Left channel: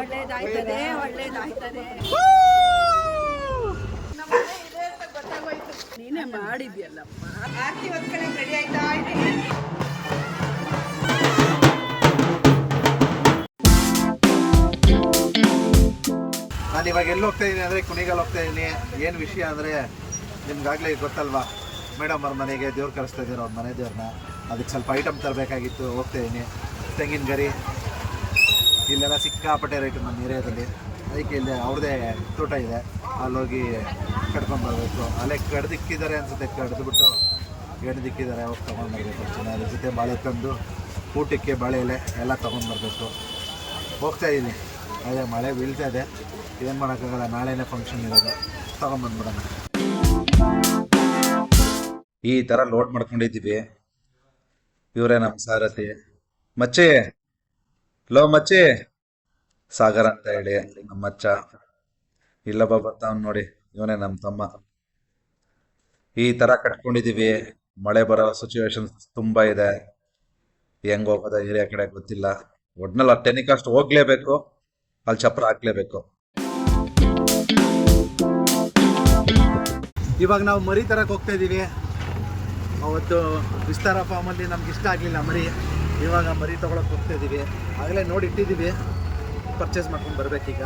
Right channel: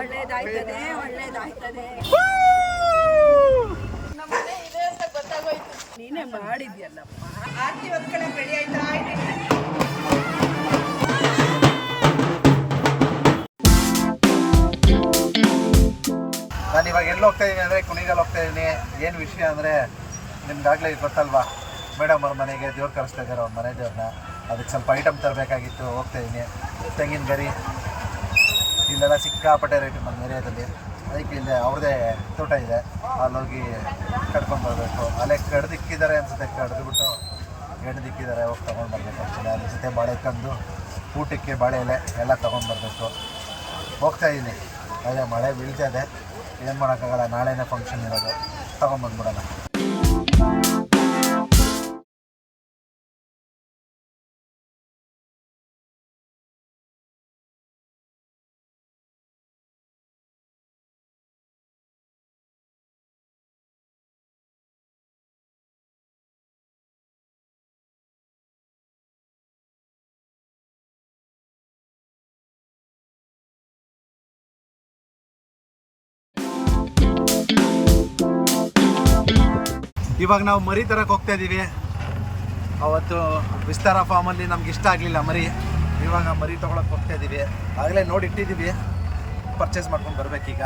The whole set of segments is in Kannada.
ಒಳ್ಳೇದಾಯ್ತದೆ ಒಳ್ಳೇದಾಯ್ತದೆ. ನಮ್ಮನೆ ಇದೆ ಅಂತ ಗೊತ್ತಾಗೋಯ್ತು. ನೀನೇ ಮಾಡಿದ್ಯಲ್ಲಪ್ಪ. ಆರತಿ ಹೊತ್ಕೊಳಕ್ ರೆಡಿ ಆಯ್ತಾ ಇದ್ದೀನಿ. ನಾನು ಇವಾಗ ಎಲ್ಲಿ ಹೋಗ್ತಾ ಇದ್ದೀನಿ ಅಂದರೆ ಕುಣಿಗಲ್ ಹೋಗ್ತಾ ಇದ್ದೀನಿ. ಏನು ವಿಷಯ ಅಂದರೆ ನಿಮ್ಗಾಗಲೇ ಗೊತ್ತಲ್ವಾ, ಮೇಡಮ್ ಅವ್ರ ಮನೆಗೆ ದೇವ್ರು ಕರೆಸ್ತಾ ಇದ್ದಾರೆ, ಅವ್ರ ಮನೆ ದೇವ್ರನ್ನ. ಅದಕ್ಕೆ ಸ್ವಲ್ಪ ಐಟಮ್ ತರಬೇಕಾಗಿತ್ತು, ಹೋಗ್ತಾ ಇದ್ದೀನಿ. ತೆಂಗಿನ ಗರಿ ಇಲ್ಲೆಲ್ಲ ಸಿಕ್ಕಾಪಟ್ಟೆ ರೇಟು ನಮ್ಮ ಏರಿಯಾದಲ್ಲಿ. ಅದಕ್ಕೆ ಇಲ್ಲಿ ಅವ್ರದ್ದೇ ತೋಟ ಇದೆ, ಅಲ್ಲೋಗಿ ಕಡ್ಕೊಂಬರ್ಬೇಕು. ಅಲ್ಲೇ ಕಡ್ದಿಕ್ಕಿದ್ದಾರೆ ಅನಿಸುತ್ತೆ, ಕಡ್ದುಬಿಟ್ಟು ಎಣ್ದಿಕ್ಕಿದ್ದಾರೆ, ಹೋಗಿ ತೊಗೊಂಡ್ಬರ್ಬೇಕು ಆ್ಯಕ್ಚುಲಿ. ಅದ್ರ ಜೊತೆ ಬಾಳೆ ಕಂದು, ಊಟಕ್ಕೆ ಬಾಳೆ ಎಲೆ ಎಲ್ಲ ತೊಗೊಂಡ್ಬರ್ಬೇಕು. ಹೋಗ್ತಾ ಇದ್ದೀನಿ. ಅದೇ ಮಳೆ ಬೀಳ್ತಾ ಇದೆ, ಏನು ಮಾಡೋಕ್ಕಾಗಲ್ಲ. ನಾಳೆನೇ ಫಂಕ್ಷನ್ ಇರೋದು, ತೊಗೊಂಬಂದ್ಬಿಡೋಣ. ಈ ಥರ ಲೋಡ್ ಮಾಡ್ಕೊಂಡಿದ್ದೀವಿ. ಇವರೇ ನಮ್ಮ ಸಾರಥಿ ಮಚ್ಚಿ. ಲೋ ಮಚ್ಚಿ, ಸಾಗರ್ ಅಂತ ಹೇಳಿ ನಮ್ಮ ಮಚ್ಚ. ಇಲ್ಲೊಬ್ಬ ಬರ್ತಾವ್ ನೋಡಿ, ಇವನೇ ನಮ್ಮ ತಮ್ಮ. ಈ ಥರ ಕಟ್ಕೊಂಡಿದ್ದೀವಿ. ಮಳೆ ಬರೋ ಸಿಚುವೇಶನ್ ತುಂಬ ಇದೆ. ಹೆಂಗೆ ಹೋಗೋದ ಏರಿಯಾ ಕಡೆ ಗೊತ್ತಿಲ್ಲ. ಒಟ್ನಲ್ಲಿ ಟೆನಿಕಾಸ್ಟ್ ಹೋಗ್ಲೇಬೇಕು, ಅಲ್ಲಿ ಚಪ್ರ ಹಾಕ್ಲೇಬೇಕು. ಇವಾಗ ನಾವು ಮರಿ ತರಕ್ಕೆ ಹೋಗ್ತಾ ಇದ್ದೀವಿ. ಅವತ್ತು ವಿಸ್ತಾರ ಫಾರ್ಮಲ್ಲಿ ನಮ್ಗೆ ಇಷ್ಟ ಆಗಲಿಲ್ಲ ಮರಿ. ಇವಾಗ ಮರಿ ತೊಗೊಳಕ್ಕೆ ಹೋಗ್ತಾ ಇದ್ದೀವಿ. ಆಗಲೇ ನೋಡಿ ಇಟ್ಟಿದ್ದೀವಿ, ಪರ್ಚೇಸ್ ಮಾಡ್ಕೊಂಡು ಬರಬೇಕೀಗ.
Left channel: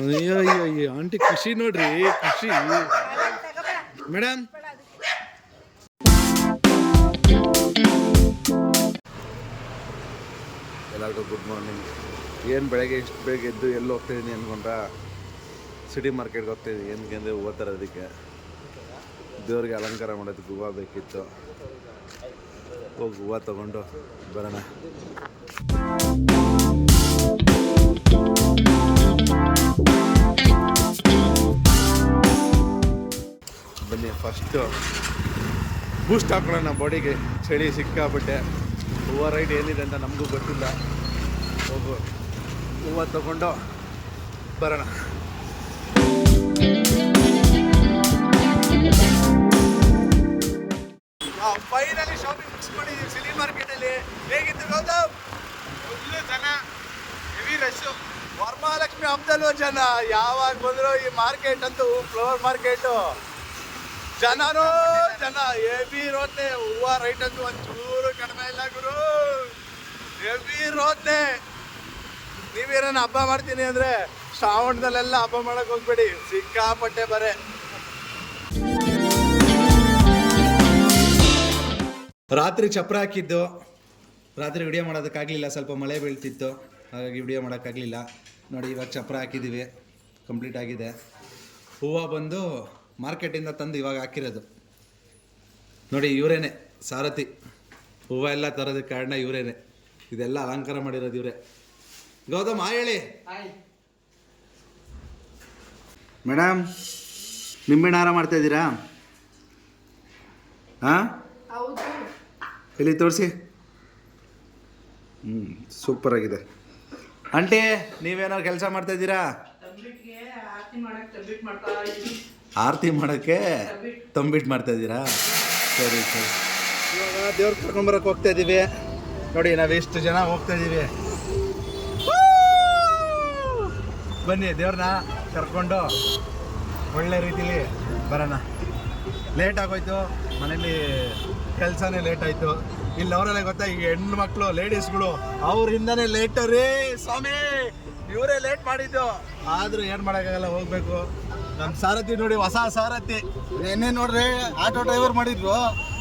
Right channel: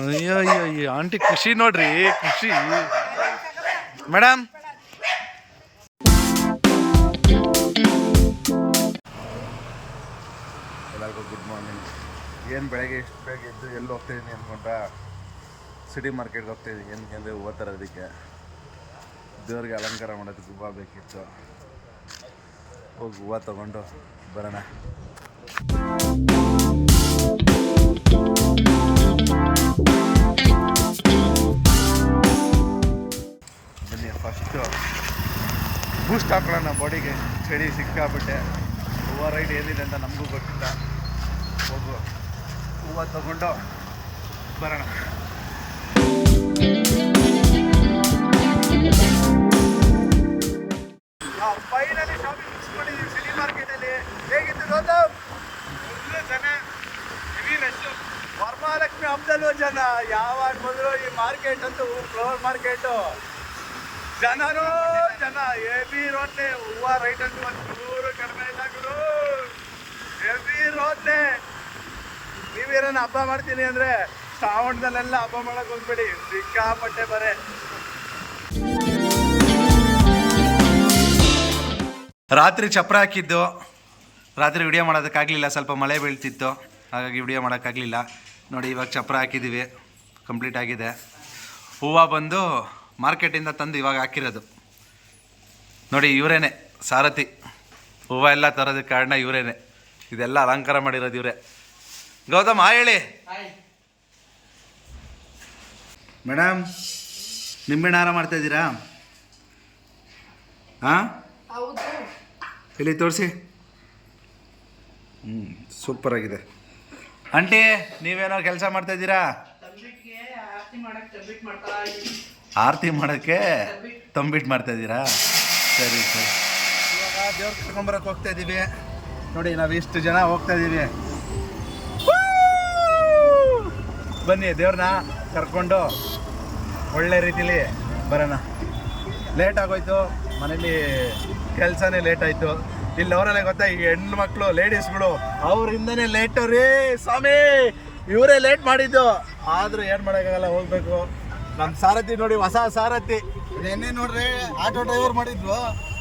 ಅಯ್ಯೋ ಅಯ್ಯೋ ಅಯ್ಯೋ, ಆಂಟಿ ಖುಷಿ ನೋಡ್ರಿ, ಖುಷಿ. ಮೇಡಮ್, ಎಲ್ಲರಿಗೂ ಗುಡ್ ಮಾರ್ನಿಂಗ್. ಏನು ಬೆಳಗ್ಗೆ ಇಷ್ಟು ಬೇಗ ಎದ್ದು ಎಲ್ಲಿ ಹೋಗ್ತಾಯಿದ್ದೀನಿ ಅಂದ್ಕೊಂಡ್ರೆ ಸಿಟಿ ಮಾರ್ಕೆಟ್ಗೆ ಹೋಗ್ತಾಯಿದ್ದೀನಿ. ಏನಕ್ಕೆ ಅಂದರೆ ಹೂವು ತರೋದಕ್ಕೆ, ದೇವ್ರಿಗೆ ಅಲಂಕಾರ ಮಾಡೋದಕ್ಕೆ ಹೂವು ಬೇಕಿತ್ತು. ಹೋಗಿ ಹೂವು ತೊಗೊಂಡು ಬರೋಣ. ಬನ್ನಿ, ಫಸ್ಟು ಬೂಸ್ಟ್ ಹಾಕೊಳ್ಳೋಣ ಬಾಡಿಗೆ. ಚಳಿ ಸಿಕ್ಕಾಬಿಟ್ಟೆ. ಹೂವು ರೈಟ್ ಏನಿದೆ ಅಂತ ನಮಗೂ ಗೊತ್ತಿಲ್ಲ. ಹೋಗು ಹೂವು ತಗೊಂಡು ಬರೋಣ. ಫೈನಲಿ ಶಾಪಿಂಗ್ ಮುಗಿಸ್ ಮಾಡಿದ್ದೀವಿ ಸಿಟಿ ಮಾರ್ಕೆಟಲ್ಲಿ. ಹೇಗಿತ್ತು ಗೌತಮ್? ಫುಲ್ಲು ಜನ, ಹೆವಿ ರಶ್ಶು. ವರಮಹಾಲಕ್ಷ್ಮಿ ಹಬ್ಬದಲ್ಲೂ ಜನ. ಯಾವಾಗ ಬಂದರೂ ಈ ಮಾರ್ಕೆಟ್ ಅಂತೂ ಫ್ಲವರ್ ಮಾರ್ಕೆಟು ಜನನೂ ಜನ. ಹೆವಿ ರೋದ್ನೆ. ಹೂವು ರೈಟ್ ಅಂತೂ ಒಂಚೂರು ಕಡಿಮೆ ಇಲ್ಲ ಗುರು, ಹೆವಿ ರೋದ್ನೆ. ನೀವೇನ ಹಬ್ಬ ಮಾಡ್ತೀನಿ ಅಂದರೆ ಶ್ರಾವಣದಲ್ಲೆಲ್ಲ ಹಬ್ಬ ಮಾಡೋಕೆ ಹೋಗ್ಬೇಡಿ, ಸಿಕ್ಕಾಪಟ್ಟೆ ಬರೆ. ರಾತ್ರಿ ಚಪ್ರ ಹಾಕಿದ್ದು, ರಾತ್ರಿ ವಿಡಿಯೋ ಮಾಡೋದಕ್ಕಾಗಲಿಲ್ಲ, ಸ್ವಲ್ಪ ಮಳೆ ಬೀಳ್ತಿತ್ತು, ಹಾಗಾಗಿ ವಿಡಿಯೋ ಮಾಡೋಕ್ಕಾಗಲಿಲ್ಲ. ನೋಡಿ ಇವಾಗ ಚಪ್ರ ಹಾಕಿದ್ದೀವಿ, ಕಂಪ್ಲೀಟ್ ಆಗಿದೆ. ಹೂವು ಬಂದು ಮಾರ್ಕೆಟಿಂದ ತಂದು ಇವಾಗ ಹಾಕಿರೋದು. ನೋಡಿ ಇವರೇನೆ ಸಾರಥಿ, ಹೂವು ಎಲ್ಲ ತರೋದಕ್ಕೆ ಕಾರಣ ಇವರೇನೆ. ಇದೆಲ್ಲ ಅಲಂಕಾರ ಮಾಡಿರೋದು ಇವರೇ. ಗೌತಮ್ ಹೇಳಿ. ಮೇಡಮ್, ನಿಂಬೆಹಣ್ಣು ಹಾರ ಮಾಡ್ತಾಯಿದ್ದೀರಾ? ಹಾಂ, ಇಲ್ಲಿ ತೋರಿಸಿ. ಸೂಪರಾಗಿದೆ. ಆಂಟಿ, ನೀವೇನೋ ಕೆಲಸ ಮಾಡ್ತಾಯಿದ್ದೀರಾ? ಆರತಿ ಮಾಡೋಕ್ಕೆ ತಂಬಿಟ್ಟು ಮಾಡ್ತಾಯಿದ್ದೀರಾ? ಸರಿ ಸರಿ. ಇವಾಗ ದೇವ್ರ ಕರ್ಕೊಂಬರಕ್ಕೆ ಹೋಗ್ತಾ ಇದ್ದೀವಿ. ನೋಡಿ ನಾವು ಎಷ್ಟು ಜನ ಹೋಗ್ತಾ ಇದ್ದೀವಿ. ಬನ್ನಿ, ದೇವ್ರನ್ನ ಕರ್ಕೊಂಡು ಒಳ್ಳೆ ರೀತಿಲಿ ಬರೋಣ. ಲೇಟ್ ಆಗೋಯ್ತು, ಮನೇಲಿ ಕೆಲಸನೇ ಲೇಟ್ ಆಯಿತು. ಇಲ್ಲಿ ಅವರೆಲ್ಲ ಗೊತ್ತಾ, ಈ ಹೆಣ್ಣು ಮಕ್ಕಳು ಲೇಡೀಸ್ಗಳು ಅವರಿಂದನೇ ಲೇಟು ರೀ ಸ್ವಾಮಿ. ಇವರೇ ಲೇಟ್ ಮಾಡಿದ್ದು, ಆದರೂ ಏನು ಮಾಡೋಕ್ಕಾಗಲ್ಲ, ಹೋಗ್ಬೇಕು. ನಮ್ಮ ಸಾರಥಿ ನೋಡಿ, ಹೊಸ ಸಾರಥಿ. ನೆನ್ನೆ ನೋಡ್ರೆ ಆಟೋ ಡ್ರೈವರ್ ಮಾಡಿದ್ವು,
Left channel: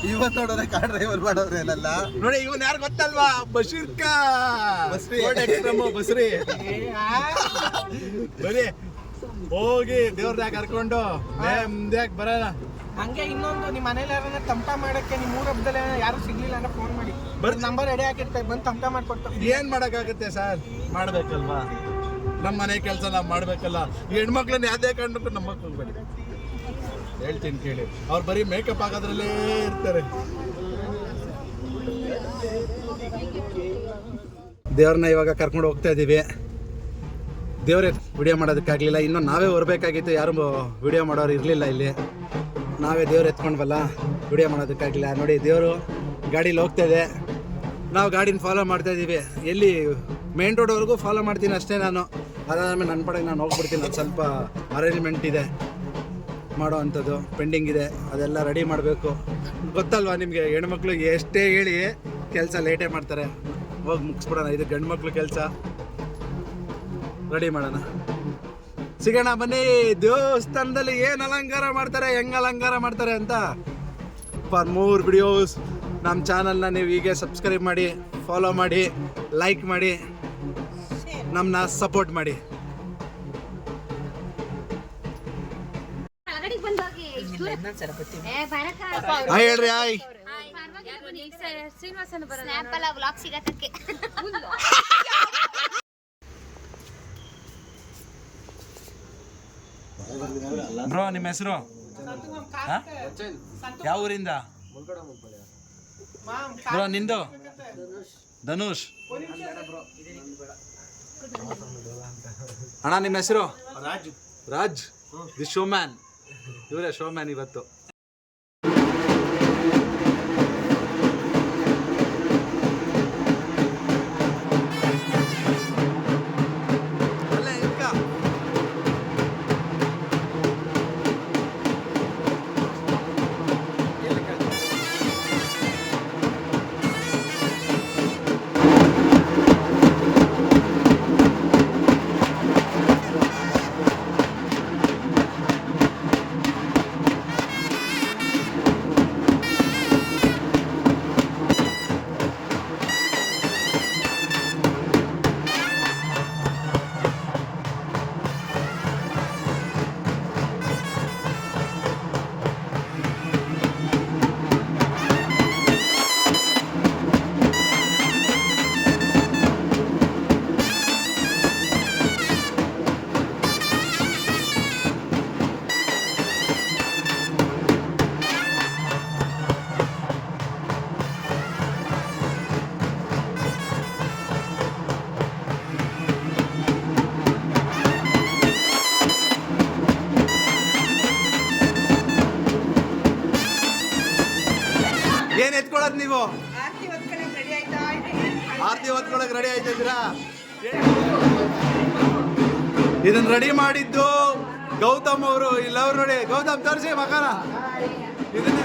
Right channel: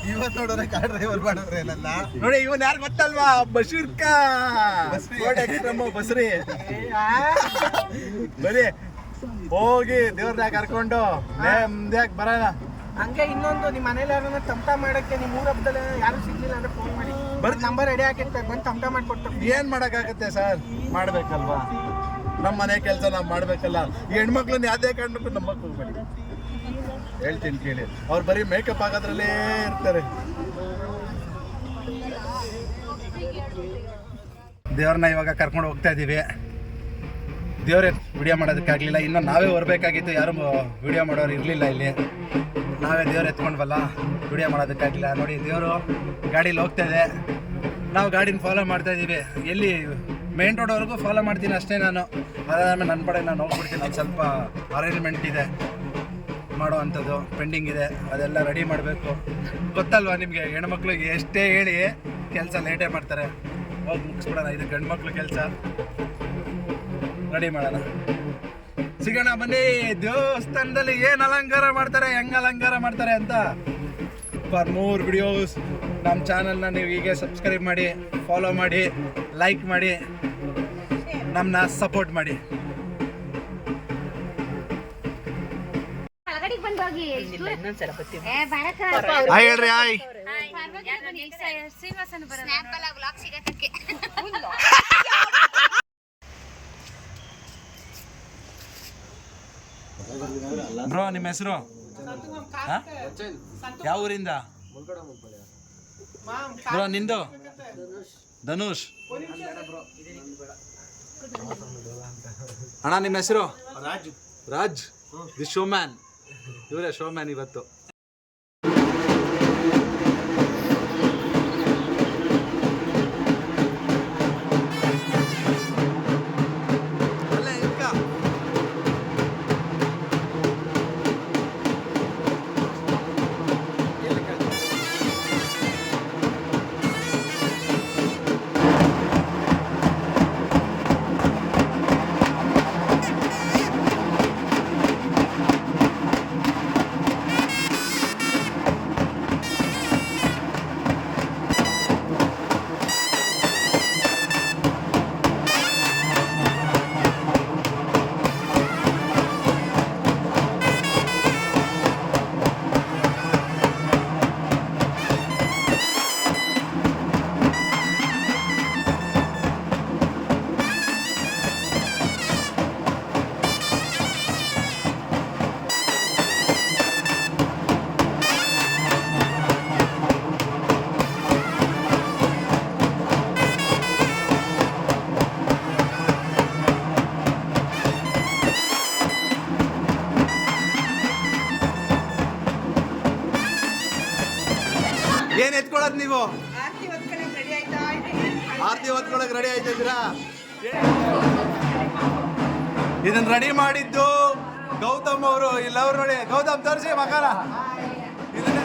ಇವತ್ತು ನೋಡ್ರೆ ಕಾರ್ ಡ್ರೈವರ್ ಮಾಡೋದ್ರೆ ಏನಲ್ಲ. ನೋಡಿ ಇವನ್ ಯಾರು ಗೊತ್ತಲ್ವಾ? ಬಶೀರ್ ಕಾ ಬಸ್ರಿ. ಬರೀ ಹೋಗಿ ದೇವ್ರನ್ನ ಕರ್ಕೊಂಡು ನೆಮ್ಮದಿಯಾಗಿ ಬರೋಣ. ಹಂಗೆ ಇನ್ನೊಂದು, ನಿಮ್ಮ ಮನೇಲಿ ಯಾರನ್ನ ತಮಟ ಮಾಡಕ್ಕೆ ನಿಮ್ಮ ಊರ ಹಬ್ಬದಲ್ಲಿ ಯಾರು ಸಿಗ್ಲಿಲ್ಲ ಅಂದ್ರೆ ಫೋನ್ ಮಾಡಿ, ನಂಬರ್ ರೆಡಿ ಹಾಕಿರ್ತಾರೆ, ಬಂದು ತಮಟ ಮಾಡ್ಕೊಡ್ತಾರೆ. ಏನ್ ಮಾಡಕ್ಕಾಗತ್ತೆ ಸರ್, ಮಾಡ್ಬೇಕಲ್ವಾ? ನಮ್ಮ ಮನೆ ಕೆಲಸ ನಾವು ಮಾಡ್ಬೇಕಲ್ಲ. ಈ ಹೆಣ್ಮಕ್ಳನ್ನ ಯಾವ್ದೇ ಕಾರಣಕ್ಕೂ ನಂಬಕ್ ಹೋಗ್ಬೇಡಿ, ಹೇಳ್ತೀನಿ ಕೇಳಿ. ಅವ್ರು ಬರೀ ಮೇಕಪ್ ಆಗೋದ್ರಲ್ಲೇ ಇರ್ತಾರೆ. ದೇವ್ರನ್ನ ಇವಾಗ ಕರ್ಕೊಂಡು ಹೋಗ್ತಾ ಇದ್ದೀವಿ. ದೇವ್ರೇ ವಿಡಿಯೋ ಮಾಡೋದಕ್ಕಾಗಲಿಲ್ಲ, ಇನ್ನೂ ನಾವೇ ಹೊರಬೇಕಾಗಿತ್ತು, ಯಾರು ವಿಡಿಯೋ ಮಾಡೋರು ಇರಲಿಲ್ಲ ಇಲ್ಲಿ. ನಾವೇ ದೇವ್ರು ಎತ್ಕೊಂಡ್ವಲ್ಲ, ವಿಡಿಯೋ ಮಾಡೋದಕ್ಕಾಗಲಿಲ್ಲ. ನೋಡಿ ದೇವರು ಗಾಡೀಲಿ ಹೋಗ್ತಾ ಇದೆ, ನಾವು ಗಾಡಿನ ಫಾಲೋ ಮಾಡ್ತಾ ಇದ್ದೀವಿ. ಎಲ್ಲಿ ಮೇನ್ ರೋಡ್ವರೆಗೂ ಫಾಲೋ ಮಾಡ್ತೀನಿ ಅಷ್ಟೇ ನಾನು. ಅದಾದ್ಮೇಲೆ ನನ್ನ ಪಡೆ ನಾನು ಹೋಗ್ಬಿಡ್ತೀನಿ. ಅದು ಸ್ವಲ್ಪ ಅರೇಂಜ್ಮೆಂಟ್ ಇದೆ ಮಾಡೋ ಅಂಥದ್ದು, ಪೆಂಡಿಂಗ್ ಇದೆ, ಅದೆಲ್ಲ ರೆಡಿ ಮಾಡಬೇಕು. ಗೊತ್ತಲ್ವ ನಿಮಗೆ, ಹೆಣ್ಮಕ್ಳು ಎಷ್ಟೇ ಹೇಳಿ ಕೆಲಸ ಲೇಟೇ ಮಾಡ್ತಾರೆ. ಹೋಗಿ ಮುಗಿಸ್ಬಿಡೋಣ, ಇದು ಗಂಡು ಮಕ್ಳು ಕೆಲಸ. ರೆಡಿ ಮಾಡೋಣ, ಸಿಗೋಣ ಬನ್ನಿ. ದೇವಸ್ಥಾನದಲ್ಲಿ ಏನು ಅಲಂಕಾರ ಮಾಡ್ತಾರೆ, ಹೆಂಗೆ ಅಲಂಕಾರ ಮಾಡ್ತಾರೆ ಅಂತ. ಫಾರ್ ಮೋರ್ ವಿಡಿಯೋಸ್ ನಮ್ಮ ಚಾನಲ್ನ ನೀವು ಹೀಗೆ ಸಬ್ಸ್ಕ್ರೈಬ್ ಮಾಡಿ, ಫಾಲೋ ಮಾಡಿ, ಲೈಕ್ ಮಾಡಿ, ನಮ್ಮನ್ನ ಸಪೋರ್ಟ್ ಮಾಡಿ. ಹಾಯ್ ಹೇಳ್ರಿ, ಹಾಯ್. ಬ್ರೋ ನಿಮ್ಮ ಹೆಸರು ಯಾವ ಊರಿಂದ ಬ್ರೋ? ನಿಂದು ಧನುಷ್. ಅಣ್ಣ ನಿಮ್ಮ ಹೆಸರು? ರಾಜ್. ದಿ ಶೋಮ್ಯಾನ್, ಇವರೇ ಶೋಮ್ಯಾನ್ ಇವತ್ತು. ಏನ್ ಎತ್ಕೊಳ್ಳೋದು ನೀವು? ಆರತಿ ಹೊತ್ಕೊಳಕ್ ರೆಡಿ ಆಯ್ತಾ ಇದ್ದೀನಿ. ಆರತಿ ಹೊತ್ಕೊಳಕ್ ರೆಡಿ ಆಯ್ತಿದ್ದೀರಾ? ಇದನ್ನ ರೆಡಿ ಮಾಡಿದ್ದು ಗೌತಮ್ ಅವರು. ಇಲ್ಲ ಅವ್ರು ನೋಡಿ, ಗೌತಮ್ ತೋರಿಸಿ ಮಕಾನ. ಇದನ್ನ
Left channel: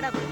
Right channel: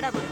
ಬೇಡ ಬಿಡು.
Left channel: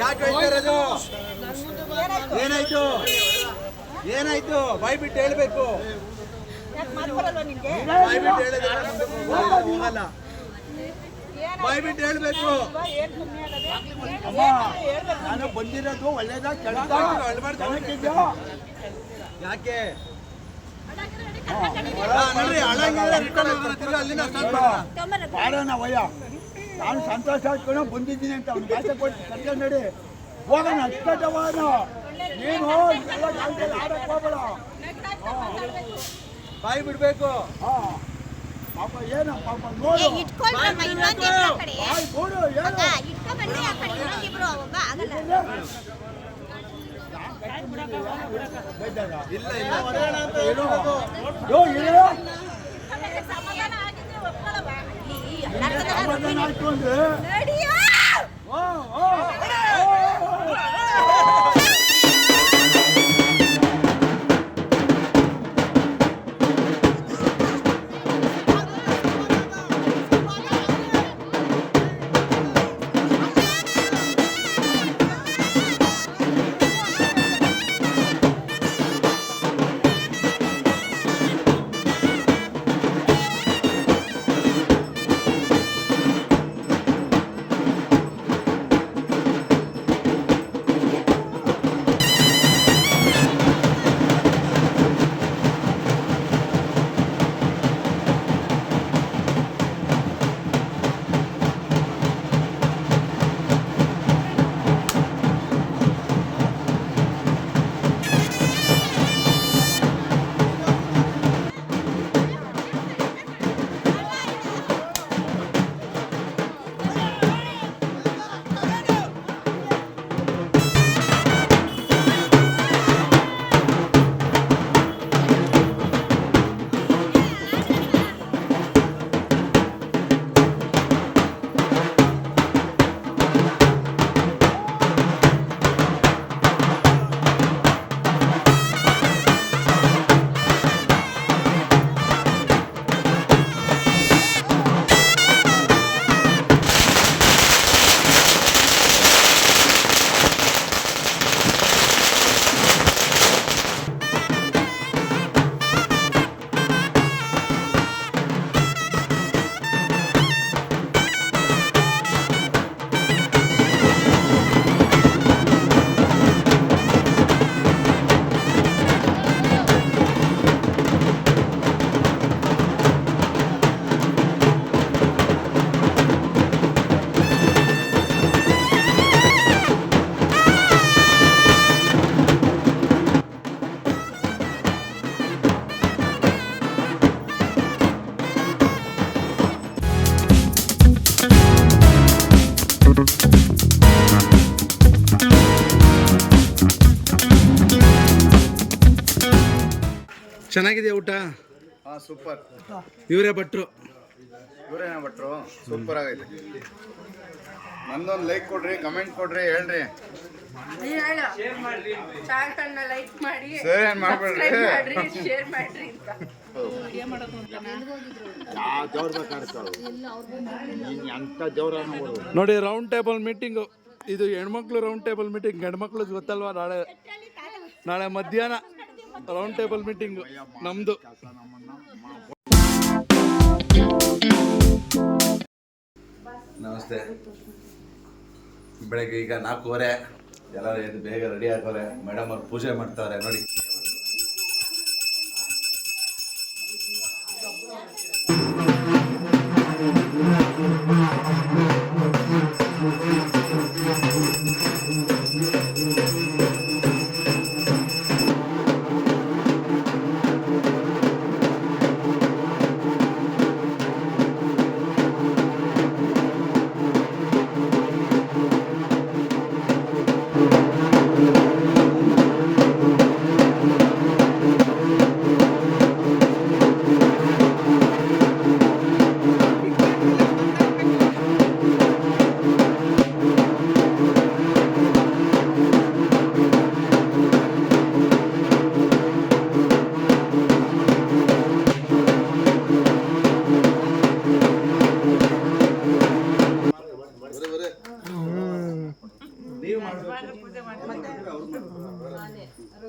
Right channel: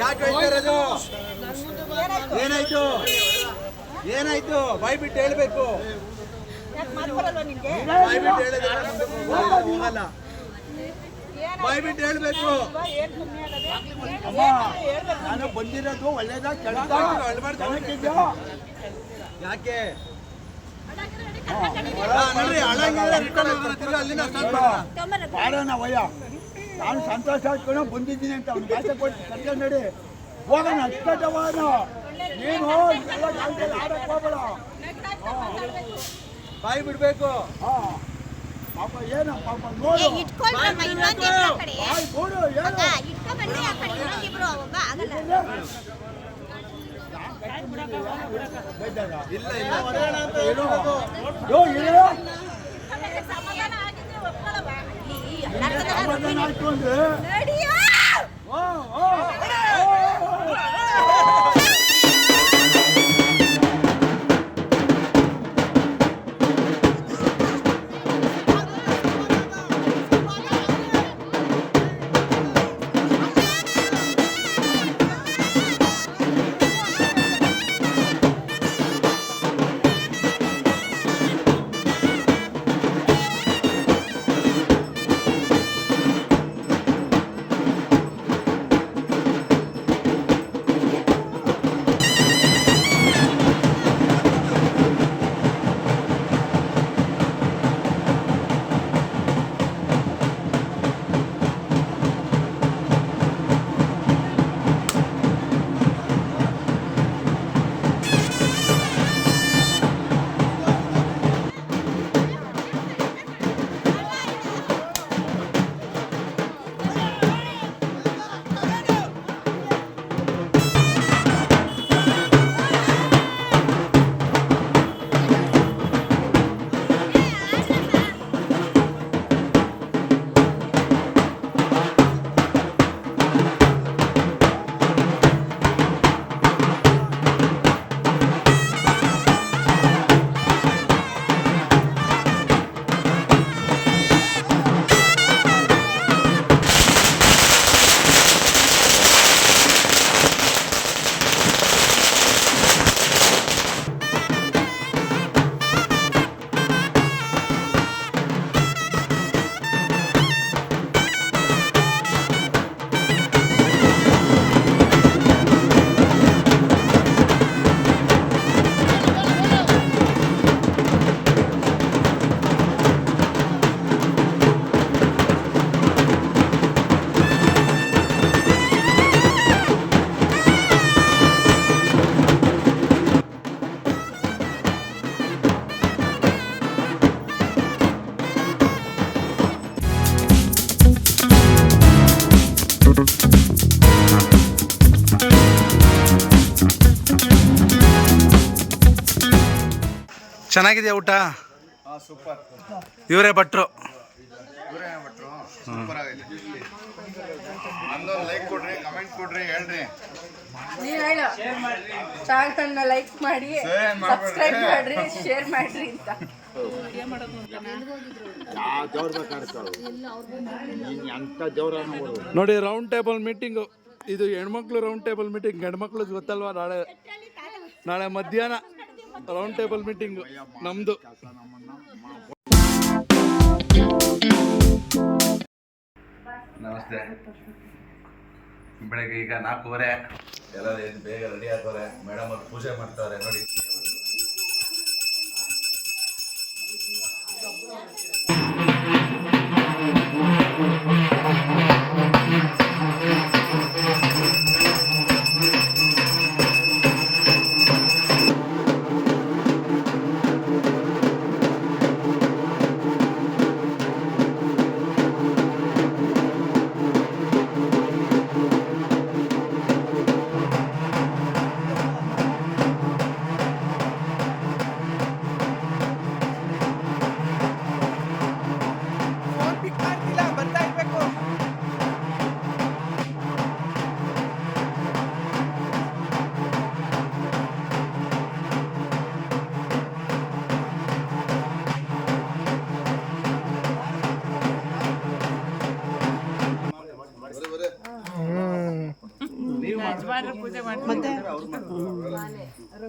ಯಾಕೆ ಹೇಳ್ತಾರದು? ಏನಾಯ್ತು ಏನಾಯ್ತು? ಬಾಯ್ ಬಿಟ್ಟು ಹೇಳ್ಬೇಕು. ಬಾಯ್ ಬಿಟ್ಟು ಹೇಳಿದ್ರೆ ಹೋಗಲ್ಲ. ಬಾಯ್ ಬಿಟ್ಟು ಹೇಳ್ಬೇಕು. ನಾನು ಬಂದಿರೋದು ಒಳ್ಳೇದಾಗ ಯಾಕೆ ಮಾಡೋಣ ವಯ್ಯ, ನಾನು ಸಂತೋಷ ಆಡ್ಕೊಂಡು ಬಂದಿದ್ದೀನಿ ಅಂತ ಅವ್ನು ಕಾಸೆ ಕೊಟ್ಟು ಕರ್ಕೊಂಡು ನಡಿ ಹೋಗೋಣ. ಅಷ್ಟವಾದ ನೀನು ಎಲ್ಲ ಕಾಲದಲ್ಲಿ ಆಡಕ್ಕೆ ಹೋಗಬೇಡ. ಬಾಯ್ ಬಿಡ್ಬೇಕು. ಪಾಪ ಏನೋ ಪಾಪ ನೋಡು ನೋಡು ಇಲ್ಲ ಇಲ್ಲ ಆಯ್ತು ಅಂದ್ರೆ ಚೆನ್ನಾಗಿದೆಯಾ ಊಟ? ಸೂಪರ್. ಇವರೇ ಭಟ್ರು. ಸೂಪರ್ ಆಗಿದೆ. ನಂದೊಂದು ಲೈಕ್ ಕೊಡ್ರಿ, ಕಮೆಂಟ್ ಕೊಡ್ರಿ, ಹೇಳ್ರಿ. ನೀವು ಹೇಳು, ಚಾನಲ್ನ ಲೈಕ್ ಮಾಡಿ, ಸಬ್ಸ್ಕ್ರೈಬ್ ಮಾಡ್ರಿ, ಶೇರ್ ಮಾಡ್ರಿ ಅಂತ. ವಿಡಿಯೋ ಮಾಡೋದು ಅಂತ ನೋಡಿ, ರೌಂಡ್ ಟೇಬಲ್ ಮೀಟಿಂಗು ಇದು ಹೆಣ್ಮಕ್ಳು ರೌಂಡ್ ಟೇಬಲ್ ಮೀಟಿಂಗ್. ಗಂಡ್ಮಕ್ಳು ಗೊತ್ತಲ್ವಾ, ನಾಳೆ ಮಧ್ಯಾಹ್ನ ರೌಂಡ್ ಟೇಬಲ್ ಮೀಟಿಂಗ್ ನಮ್ದು. ನಮಸ್ತೆ. ಬೆಳಗ್ಗೆ ಈಗ 4:15 ಎಲ್ಲ ಬೇಗ ರೆಡಿ ಆಗ್ತಾರೆ. ಮೇಡಮ್ ಅವ್ರು ಪೂಜೆ ಮಾಡ್ತಾರೆ ನೋಡಿ.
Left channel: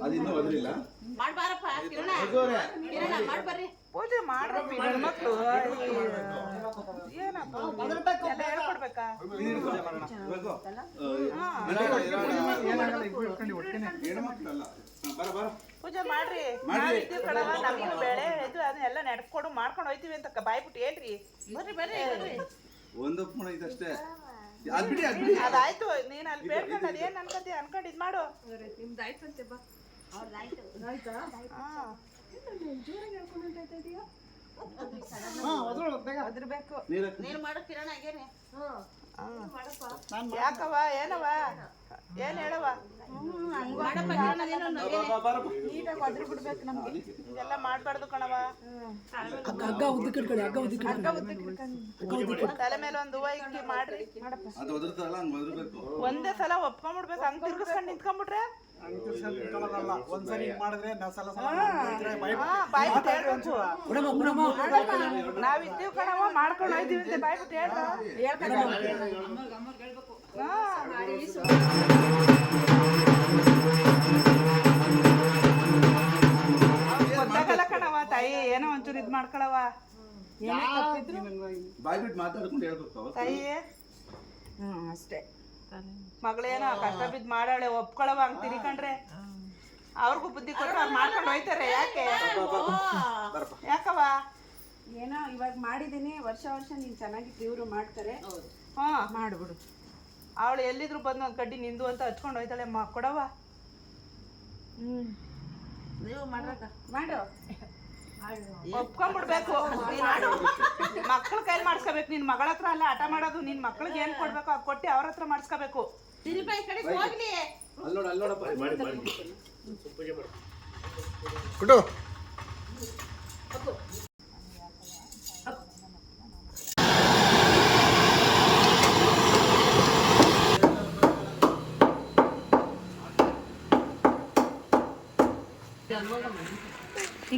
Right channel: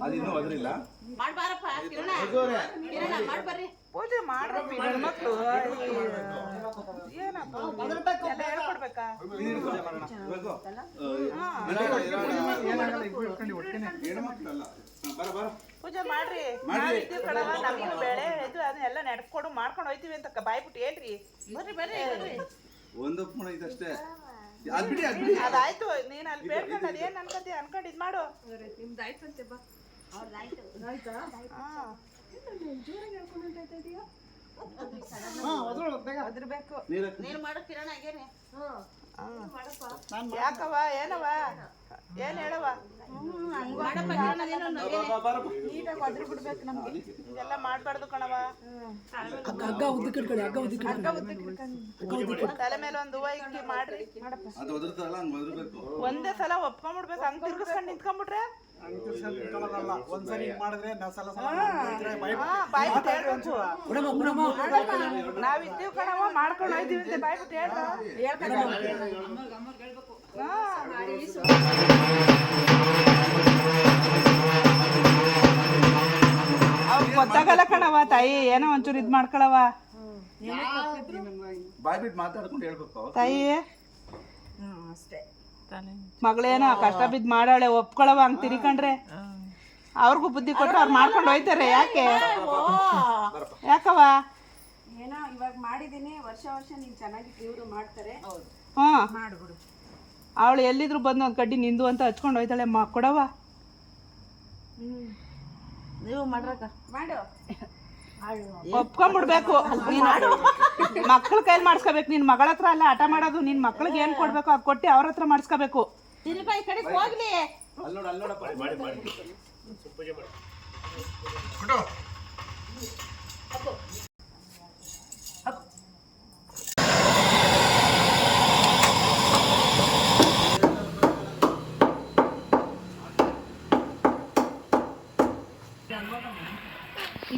ಅದಿನ್ನೂ ಒದರಿಲ್ಲ. ಪೂಜೆ ಮಾಡ್ರಿ ಗಂಡ್ಮಕ್ಳು ಏನಪ್ಪ ಎಲ್ಲ ಹೇಳ್ಕೊಡ್ಬೇಕಾ? ಪೂಜೆ ಮಾಡ್ರಿ. ನಾವಿದ್ದೀವಿ ಕಣವ, ನಮಗೂ ಬೆಳೆ ಇದು ಅದನ್ನೆಲ್ಲ ನಡ್ಕೊಂಡು ಮಾಡ್ಕೊಂಡು ಹೋಯ್ತೀವಿ ಅಂತ ಬಾಯ್ಬಿಟ್ಟು ಹೇಳ್ರಿ. ಬರ್ರಿ ಬರ್ರಿ ಬರ್ರಿ. ಒಂದು ಫೋನ್ ಐತಷ್ಟೇ. ಅದಾಯ್ತು, ನೀನ್ ಅಲ್ಲಿ ಬೇಡ್ಕೊಂಡು ಅದೇನ್ ಅನ್ಕೊಂಡಿ ಅನ್ಕೊಂಡು ಇದ್ ಮಾಡು. ನಿಮ್ದಾಯ್ತಂತೆ ಬಾ. ಅದ್ರಬೇಕು ನೀನು ಮಾಡು ಕಿರಣ ಆಗೇನೆ. ಯಾಕವ ಏನವ ಏನ್ ಹೇಳವ? ಇದೆಲ್ಲ ಮಾಡ್ಬಾರ್ದು ಕಣವ. ತಲೆ ಮೇಲೆ ಒಂದು ಹೂವ ಇಕ್ಕಿ ಮಾಡ್ರಿ. ಒಂದೇ ಸಲ ಒಪ್ಕೊಂಡ್ಬಿಡ್ಬೇಕು. ಹಂಗ್ ತಿರ್ಗಿಸ್ಕೊಂಡ್ ನಿಂತ್ಕೊಂಡ್ಬಿಟ್ರೆ ಒಂದ್ಸರಿ ಮಾಡಿದ್ರೆ ನಾವಿದ್ದೀವಿ ಕಣವ, ಮಾಡ್ಕೊಂಡು ಹೋಯ್ತೀವಿ ಅಂತ ಬಾಯ್ಬಿಟ್ಟು ಗೊತ್ತಾಗಲ್ಲ ಕಣವ ತಾಯಿ. ಏನೋ ಒಂಚೂರು ಇದ್ ಮಾಡ್ಕೊಳವ ಬಾಯ್ಬಿಟ್ಟು ಮಾತಾಡ್ಕೊಂಡು ಹೇಳ್ಬೇಕು ತಾಯಿ. ಅಷ್ಟೇ. ಮಗಳೇನೋ ಕಷ್ಟ ಬಿದ್ದು ಮಾಡಾಳೆ, ಒಪ್ಕೊಳವ. ಹಂಗ್ ತಿರ್ಕೊಂಡ್ರೆ ಅವ್ರಿಗೂ ಬುದ್ಧಿ ಕೊಟ್ಟು ಅವ್ರು ಮಾಡ್ಕೊಂಡು ಹೋಯ್ತಾರೆ. ಯಾಕೆ ಯಾಕವ? ಏನೋ ಇವಾಗ ಮಾಡಿದೀನಿ, ವರ್ಷ ನೀನ್ ಚೆನ್ನಾಗಿ ಇವ್ರು ಮಾಡ್ತಾರೆ. ಮಾಡ್ಬಿಡು. ಅವಳು ಎಲ್ಲಿದ್ರು ಬಂದು ಒಂದು ಕಡ್ಡಿ ನಿಂದು ಅಂತ ಹಚ್ಕೊಂಡು ಹೋಯ್ತಾಳೆ. ಕೊಡವ ನೀವು ಮಾಡ್ಬೇಕ ಮಾಡು. ಒಪ್ಕೊಂಡ್ಬಿಡ್ಬೇಕು. ನೀನು ಮಕ್ಳ ಕೈಲಿ ಮಾಡಿಸ್ಕೋಬೇಕು. ನಿನ್ ಮಗಳ ಹತ್ರ ಅಲ್ಲ ಆಟ ಮಾಡೋದು. ನಿನ್ ಮಕ್ಳಿಗೆ ಏನ್ ಕೊಡ್ಬೇಕು ಅದು ಕೊಟ್ಟು ಅವ್ರ ಹತ್ರ ಮಾಡಿಸ್ಕೋಬೇಕು. ಹೋಗ್ಲಿ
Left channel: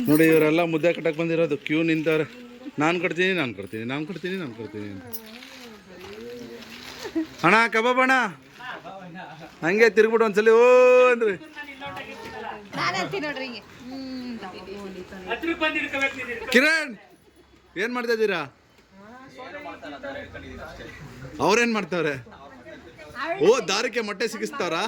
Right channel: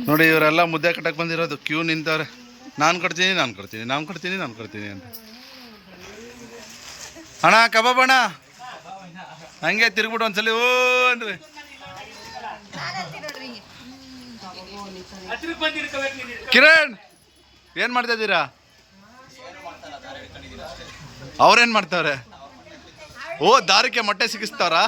ನೋಡಿ, ಇವರೆಲ್ಲ ಮುದ್ದೆ ಕಟ್ಟಕ್ಕೆ ಬಂದಿರೋದು. ಕ್ಯೂ ನಿಂತವ್ರೆ. ನಾನು ಕೊಡ್ತೀನಿ ಅಂತ. ಅಣ್ಣ ಕಬಾಬ್ ಅಣ್ಣ, ಹಂಗೆ ತಿರ್ಗ್ಬಿಟ್ಟು ಒಂದ್ಸಲಿ ಓ ಅಂದ್ರೆ. ಕಿರಣ್, ಏನ್ ಮಾಡ್ತಾ ಇದ್ದೀರಾ? ಅವ್ರೇನ್ ಮಾಡ್ತಾವ್ರೆ? ಓ, ದಾರಕ್ಕೆ ಮೊಟ್ಟೆ ಸಿಗಿಸ್ತಾರಾ?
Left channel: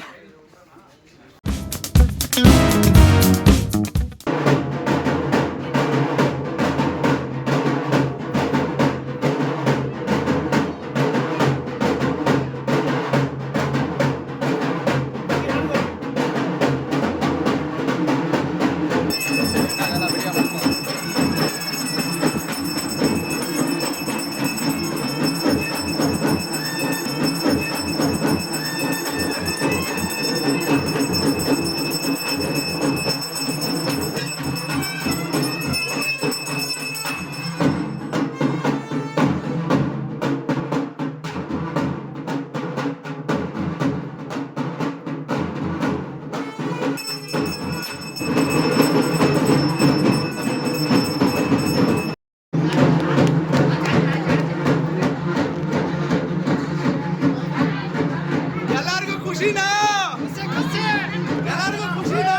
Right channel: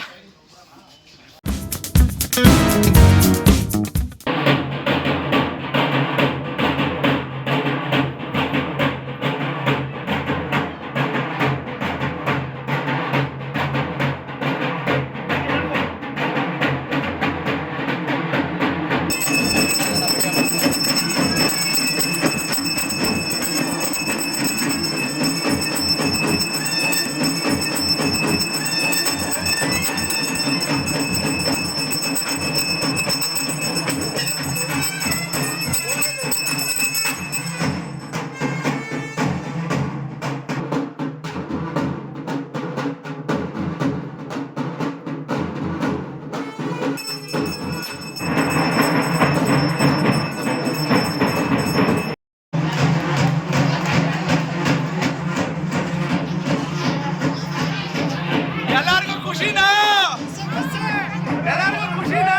ಎಲ್ಲಾರ್ಗೂ ಖುಷಿನಾ? ಎಲ್ಲಾರ್ಗೂ ಖುಷಿನಾ?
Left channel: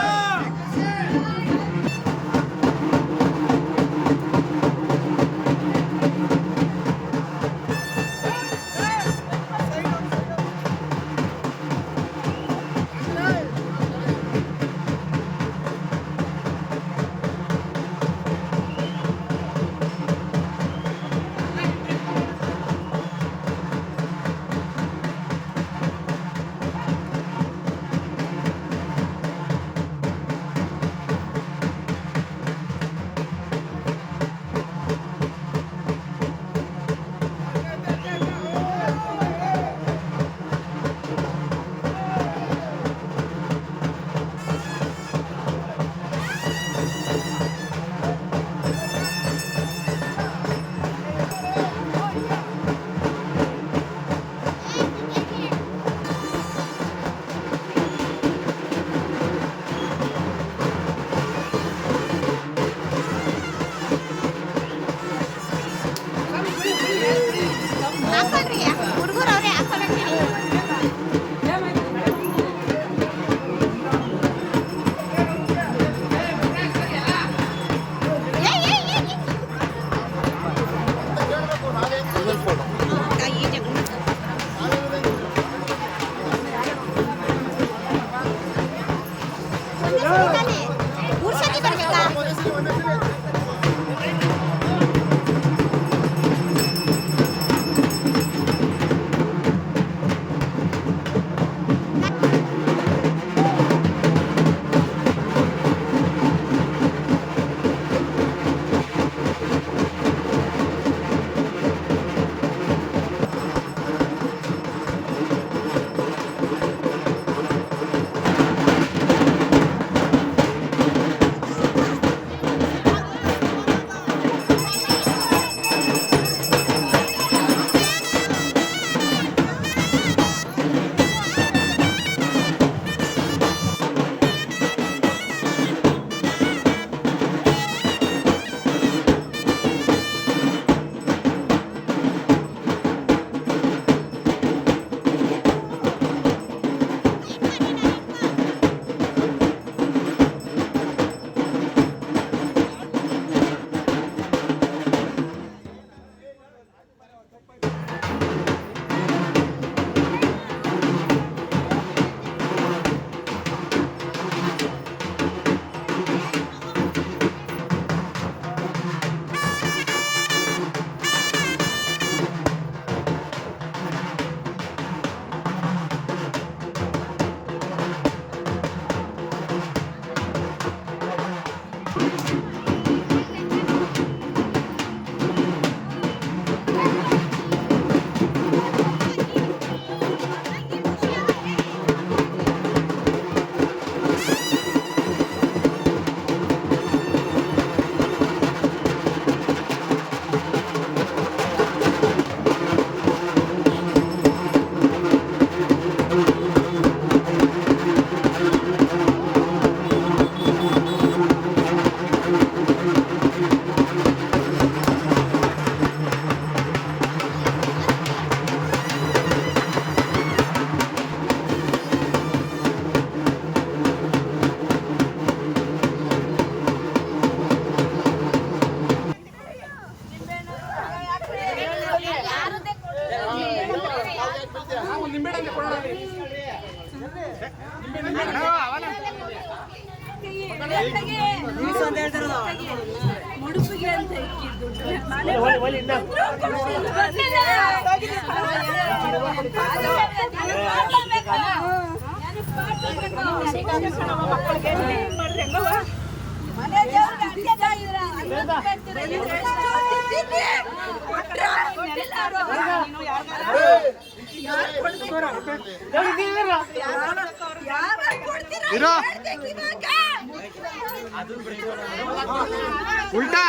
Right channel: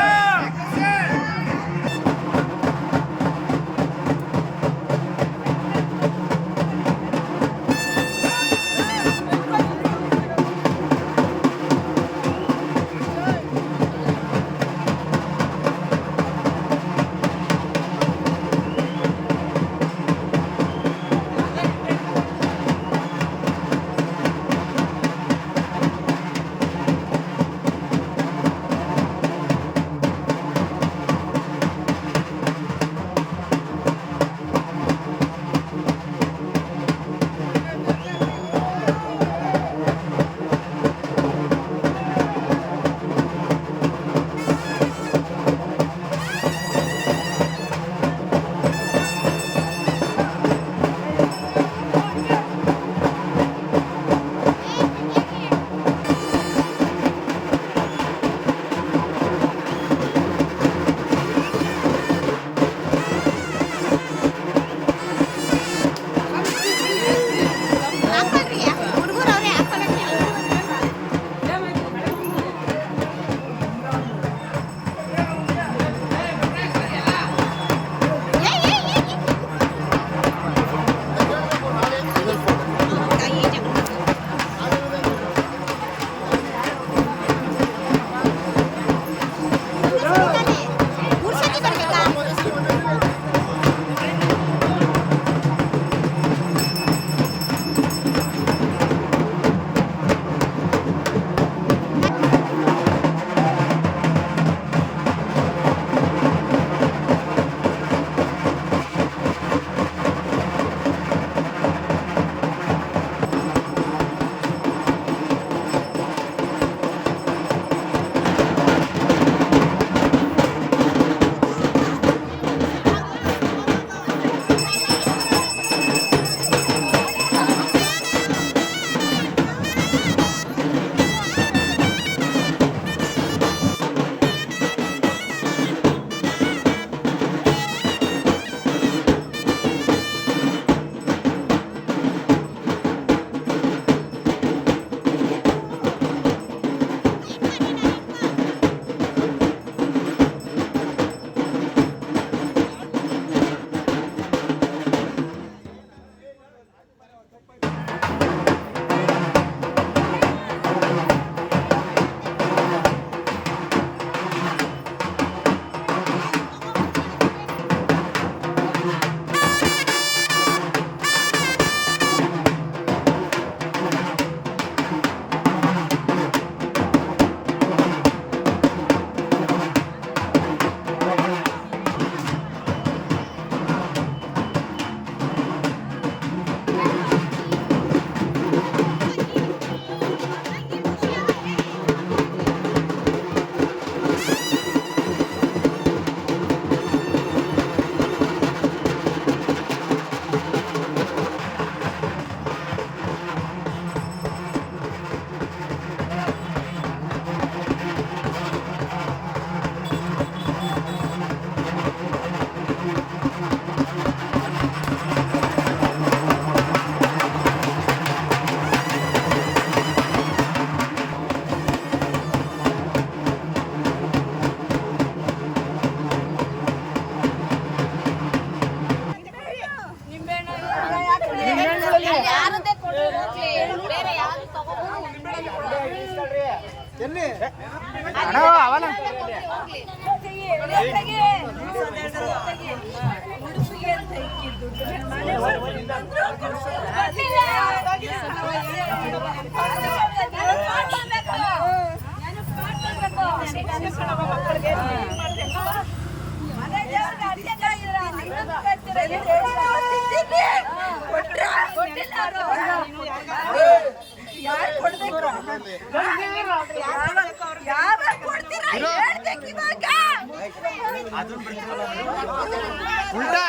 ಉಲ್ಟಾ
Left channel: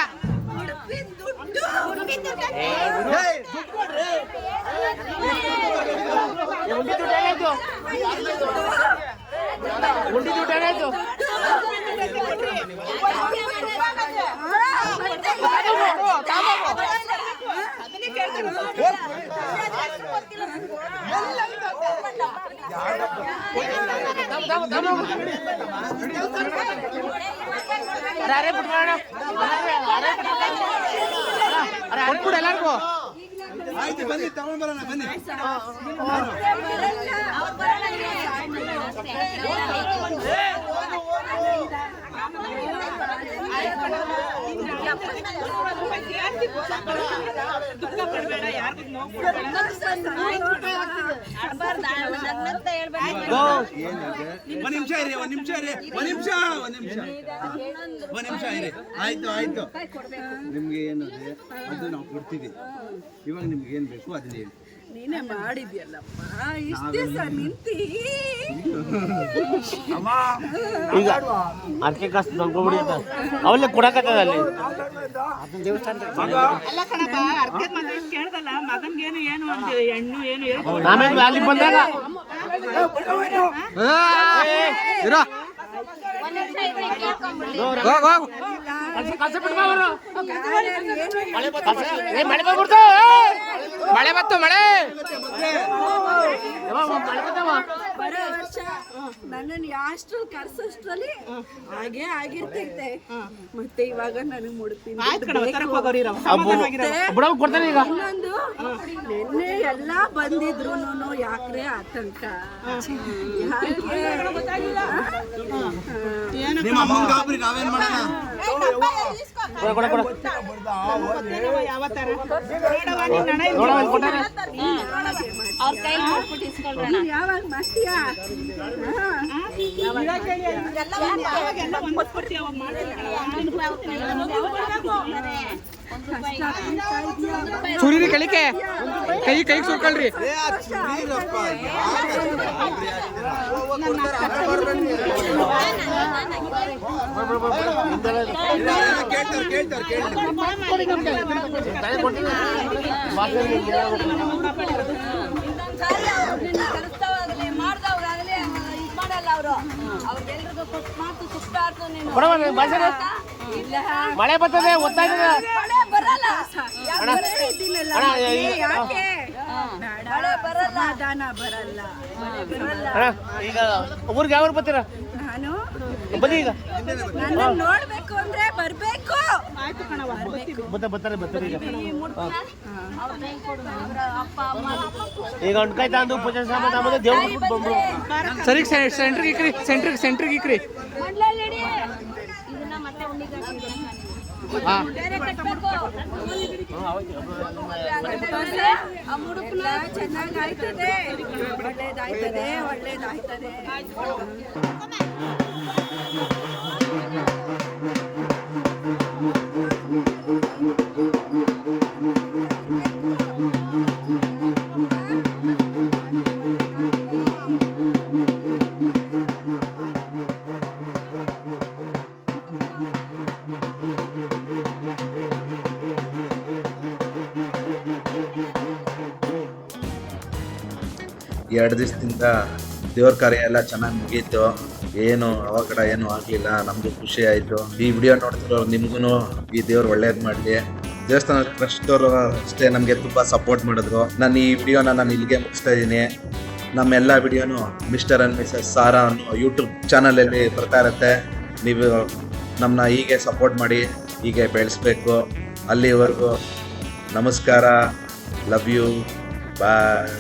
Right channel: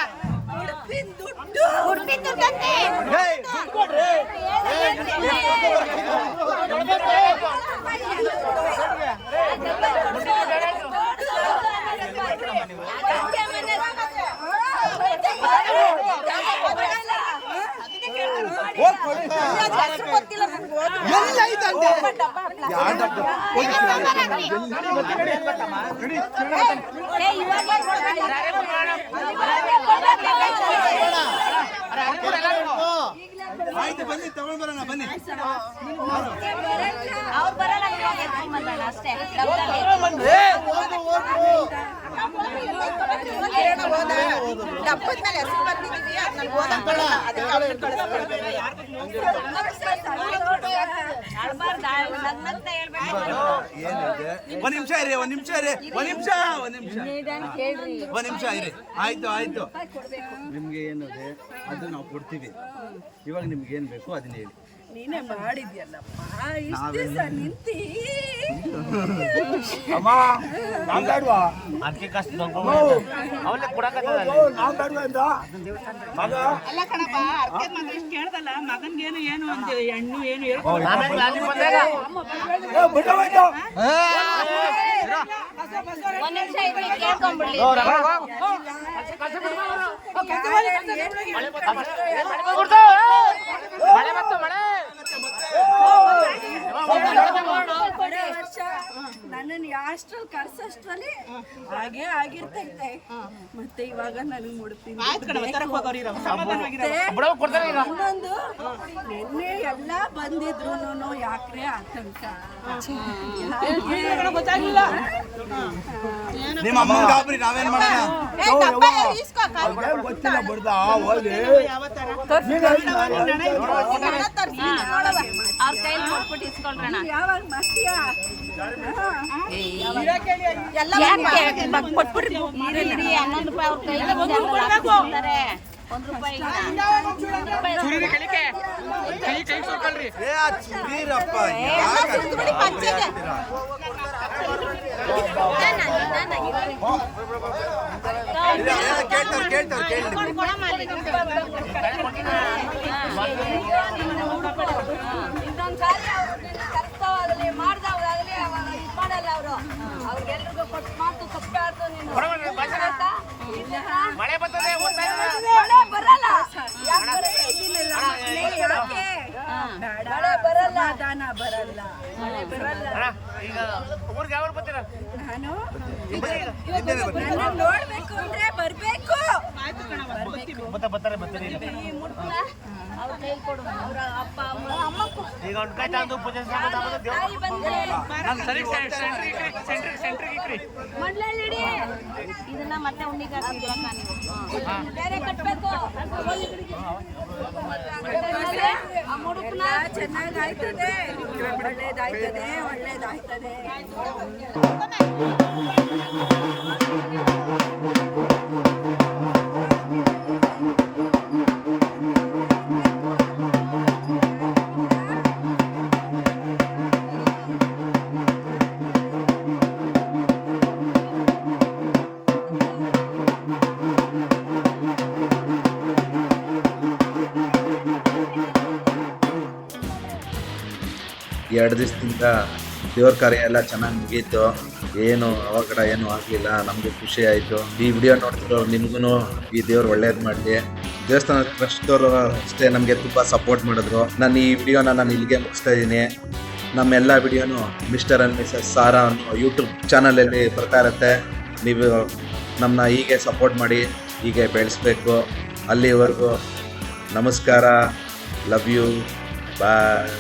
ಎಲ್ಲ ಆಯ್ತು ಬನ್ನಿ ತಗೊಂಡ್ ಬರೋಣ ಬನ್ನಿ. ಒಂದ್ ನಿಮಿಷ ಇರಿ ಆಯ್ತು ನಿಮ್ಗೆ ಏನದೆ ಅದು ನಾವು ಕೊಡ್ತೀವಿ. ಇವಾಗ ನಿಮ್ಗೆ ಏನ್ ಬೇಕು ಅದನ್ನ ಹೇಳಿ. ನೀನೇ ಮಾಡಿದ್ಯಲ್ಲಪ್ಪ ಇಷ್ಟ ದಿವಸ ನಿಂತಿ ಅದಕ್ಕೆ ಕಷ್ಟ ತಂದ್ಕೊಬಿಡಿ ಅವಲ್ಲೇ ಕೊಡಕತ್ತದಲ್ಲಿ ಅಲ್ಲ ಕಣಕ್ಕ ಅರ್ಥ ಮಾತಾಡೋದು ಕೇಳ್ದಲ್ಲ ಮಗನ್ಗೇನು ಏನು ಒಂದು ಹೆಣ್ಣು ಏನು ಹೇಳ್ಕೊಂಡು ಆಮೇಲೆ ಅಲ್ಲಿ ಬಂದಾಗ ಮಳೆ ಬತ್ತು ಮಳೆ ಬರೋ ವರ್ಷ ನನ್ನನ್ನು ಯಾಷ್ಟ್ರಲ್ಲಿ ಕರ್ಸೋಷ್ಟ್ರಲ್ಲಿ ಹಾಗೆ ಆಗಿರ್ತೈತೆ. ಮತ್ತೆ ಇವಾಗ ನನಗೆ ಮುಡುಪಿನ ಇನ್ನೊಂದು ನಿನ್ನೆ ಎಲ್ಲ ಬಂದಿದ್ರು ಯಾಕ್ರೆ ಆತಂಕ ನಿಮ್ಮ ಅಮ್ಮನ ಗಾಬರಿ ನಾವೇನ್ ಮಾಡೋಣ? ಯಾವ ತರ ಯಾವಾಗ ಮಾಡ್ತೀಯಾ? ಸುರಿರಿ ಕಳಿಕೆ ಕೈ ಸುರ್ಕೊಳ್ರಿ. ಇನ್ನೊಂದ್ಸಾರಿ ಅವ್ರು ನಿನ್ನ ಕರೆಸ್ತಾವಾಗಲಿ ಮಾಡ್ದವಾಗಲಿ ಅವಾಗ ಇದು ಮಾಡಲ್ಲ ಅವರು. ಅವ್ರಿಗೆಲ್ರಿಗೂ ಕೊಟ್ಟು ಮಾತು ತಪ್ಪೆ ಆಯ್ತು ನೀನು. ಮಳೆ ಬರ್ತದೆ ಮಳೆ ಬರಲ್ಲ ಇದ್ದೀನಲ್ಲ ಮನೆ ಯಾಕೆ ಬೇಡ ಬರಲ್ಲ ಸಮಾಧಾನ ಬರಲ್ಲ ಬರಲ್ಲ. ಈಗ ಊರಿಗೆ ಯಾವ ಬರ್ತೀರ ನಾನು ಬನ್ನಿ ಈಗ ನನ್ನ ನೋಡ್ಬೇಕು ಅಂದ್ರೆ ಬರ್ಬೇಕು. ಬರ್ತಾರೆ ಈ ಮುಡ್ಪನ ಅವ್ರ ಕೈಲಿ ಕೊಡು. ಅವ್ರ ಅಪ್ಪ ಅಮ್ಮ ಈಗ ಉಣ್ಕಾಯಿ ತಂದು ಪೂಜೆ ಸಾಮಾನು ಆಮೇಲೆ ತಾಯಿ ಬಂದ್ರೆ ಸರಿ ಸೆಂಟ್ರಿಗೆ ಇಕ್ರಿ ಮಂಡ್ಲಲ್ಲಿ ಇದನ್ನ ಮತ್ತೆ ಉಣ್ಣಿಗೆ ಹಾಕಿದ್ರಕ್ಕ ನೀವು ಬೇರೆ ಕಟ್ಬೇಕು. ಆ ಮುಡುಪನ ಚೆನ್ನಾಗಿ ಆಯ್ತದೆ, ಒಳ್ಳೇದಾಯ್ತದೆ. ಎರಡು ದಿವಸದಿಂದ ದೇವ್ರ ಕಾರ್ಯ ಎಲ್ಲ ಚೆನ್ನಾಗಿ ಮುಗೀತು. ಏನು ಅವಘಡ ಏನೂ ಆಗಲಿಲ್ಲ. ನಮಗೂ ಖುಷಿ ಆಯಿತು. ಈ ವಿಡಿಯೋ ನೋಡ್ತಿರೋ ನಿಮಗೂ ಈ ದೇವ್ರು ಒಳ್ಳೇದು ಮಾಡಲಿ. ದೇವಸ್ಥಾನ ಟ್ರಸ್ಟವರು ಅಷ್ಟೇ ನಮಗೆ ತುಂಬ ಸಪೋರ್ಟ್ ಮಾಡಿದ್ರು. ನಾನು ಈ ವಿಡಿಯೋನ ಇಲ್ಲಿಗೆ ಮುಗಿಸ್ತಾ ಇದ್ದೀನಿ. ನಮ್ಮೆಲ್ಲ ವಿಡಿಯೋನು ಮಿಸ್ಟರ್ ಆ್ಯಂಡ್ ಮಿಸಸ್ ಸಾರಾ ಅನ್ನೋ ಯೂಟ್ಯೂಬ್ ಚಾನಲಲ್ಲಿ ಬರ್ತಾ ಇರುತ್ತೆ. ನೀವು ನಮ್ಮನ್ನ ಹೀಗೆ ಸಪೋರ್ಟ್ ಮಾಡಿ ಹೀಗೆ ಬೆಳೆಸ್ಬೇಕು. ಅಲ್ಲಿವರೆಗೂ ನಮಸ್ಕಾರ. Love you. ಬಾಯ್.